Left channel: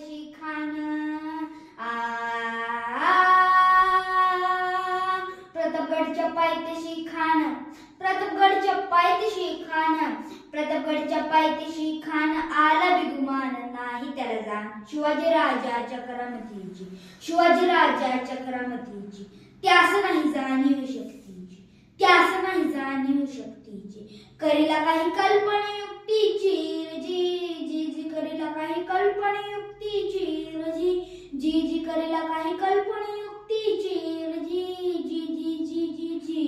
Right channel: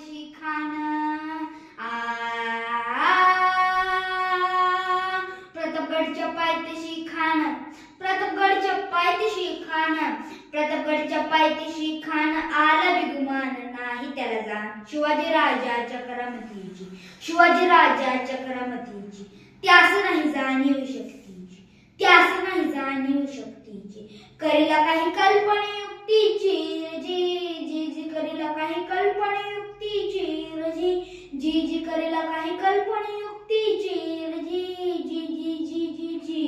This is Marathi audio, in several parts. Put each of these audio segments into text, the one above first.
पायथ्याशी खान प्रतापगडच्या पायथ्याशी खान प्रतापगडच्या पायथ्याशी खान प्रतापगडच्या पायथ्याशी खान आला बिगुमान नाही त्याला जाण शिवाजी राजाच्या करामतीची शिवाजी राजाच्या करामतीची त्यास नाही जाणीव शक्तीची त्यास नाही जाणीव शक्तीची करीला काही कल्पने युक्तीची जी जी जी करीला काही कल्पने युक्तीची जी जी जी करीला काही कल्पने युक्तीची जी जी जी जी जी जी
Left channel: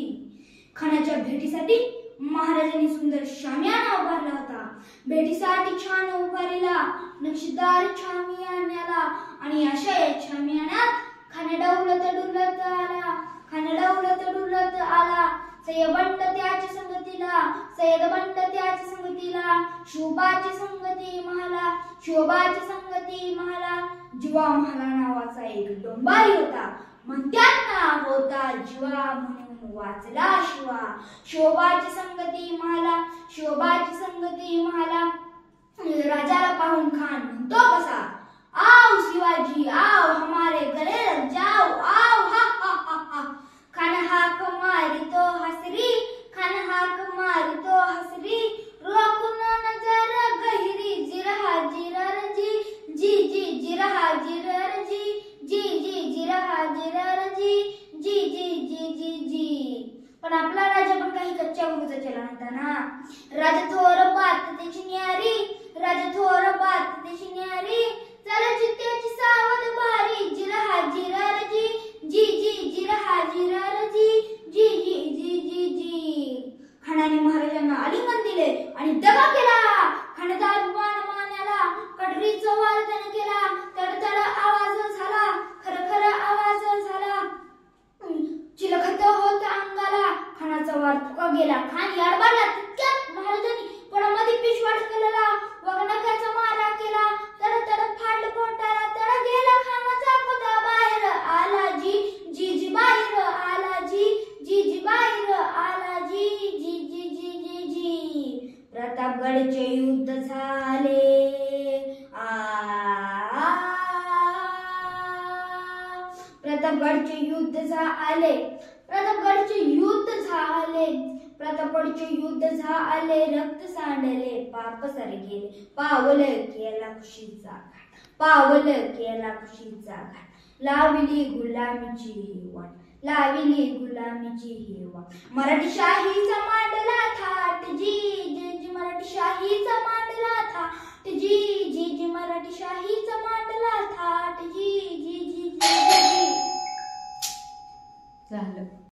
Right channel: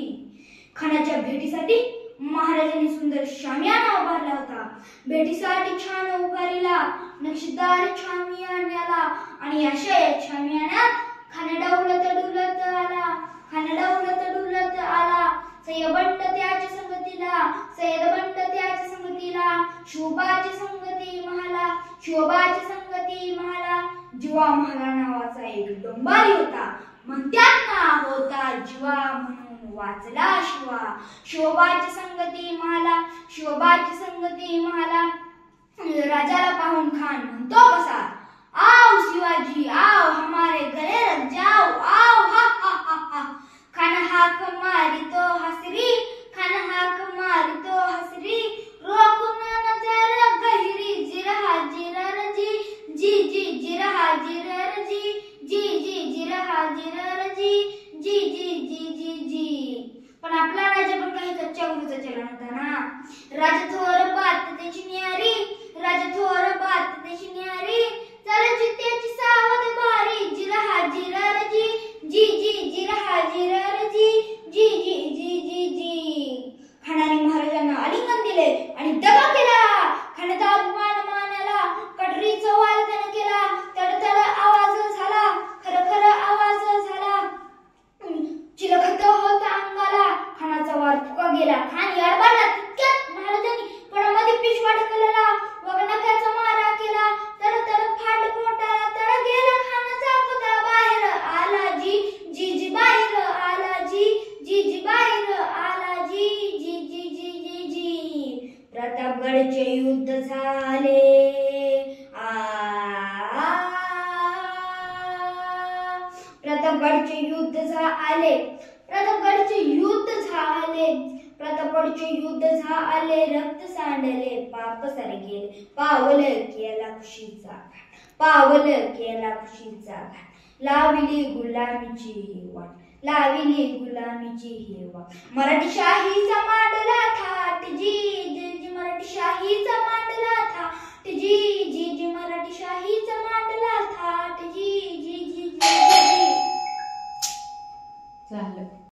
खानाच्या भेटीसाठी महाराजांनी सुंदर शामियाना उभारला होता भेटीसाठी छान उभारलेला नक्षीदार शामियान्याला आणि अशा या शामियान्यात खाना डुलत आला खाना डुलत आला सय्यदबंड त्याच्या संगतीला सय्यदबंड त्याच्या संगतीला शोभाची संगती महाला शोभाची संगती महाला जीवा महाला नावाचा एक डोंबारी होता म्हणत्यात ना होता जीवा म्हणून वाचला शिवा शोभाची संगती महाला शोभाची संगती महाला राजाला पाहून खान म्हणतो कसा आओ शिवाजी आओ हमारे घरे रख जाओ आओ हा हा हा हा खान हाक मारितो हसरी खान हाक मारितो हसरी रोखून नजर गहिरी जिरहा जिरर जी जी जी जिरहा जिरर जी जी जी जिरहा जिरर जी जी जी जी जी जी पण आपला राजा पण काही कच्च्या गुरूचा चलन होता ना राजा थोर बात त्याची न्यारी राजा थोर बात त्याची न्यारी चल जित्याची सावध बारी जिरहा जिरर जी जी जी जिरहा जिरर जी जी जी जी जी जी खानाने महाराजांना आलिंगन दिले आणि दगा केला खानाचा अभिमान मानला कटरीचा वाल त्याने केला तडतड आवाज झाला खरखर आवाज झाला चिलखत होता अंगाला खानाचा वार फुका गेला खान याडबाला तितक्यात महाराजांनी पणामध्ये पिशवा ढकलला वगनख्याचा मारा केला तडतड फाट पोटाला तड गेला खानाचा कुत्रा बाहेर आला जी जी जी बाहेर आला जी जी जी बाहेर आला जी जी जी जी जी जी प्रतापगडचे युद्ध झाले प्रतापगडचे युद्ध झाले प्रतापगडचे युद्ध झाले प्रतापगडचे युद्ध झाले रक्त सांडले पाप सर गेले पावल केला खुशीचा पावल केला खुशीचा लाविली गुलामीची वाट लाविली गुलामीची वाट मराठी शाहीचा मांडला थाट जी जी जी मराठी शाहीचा मांडला थाट जी जी जी मराठी शाहीचा मांडला थाट जी जी जी जी झालं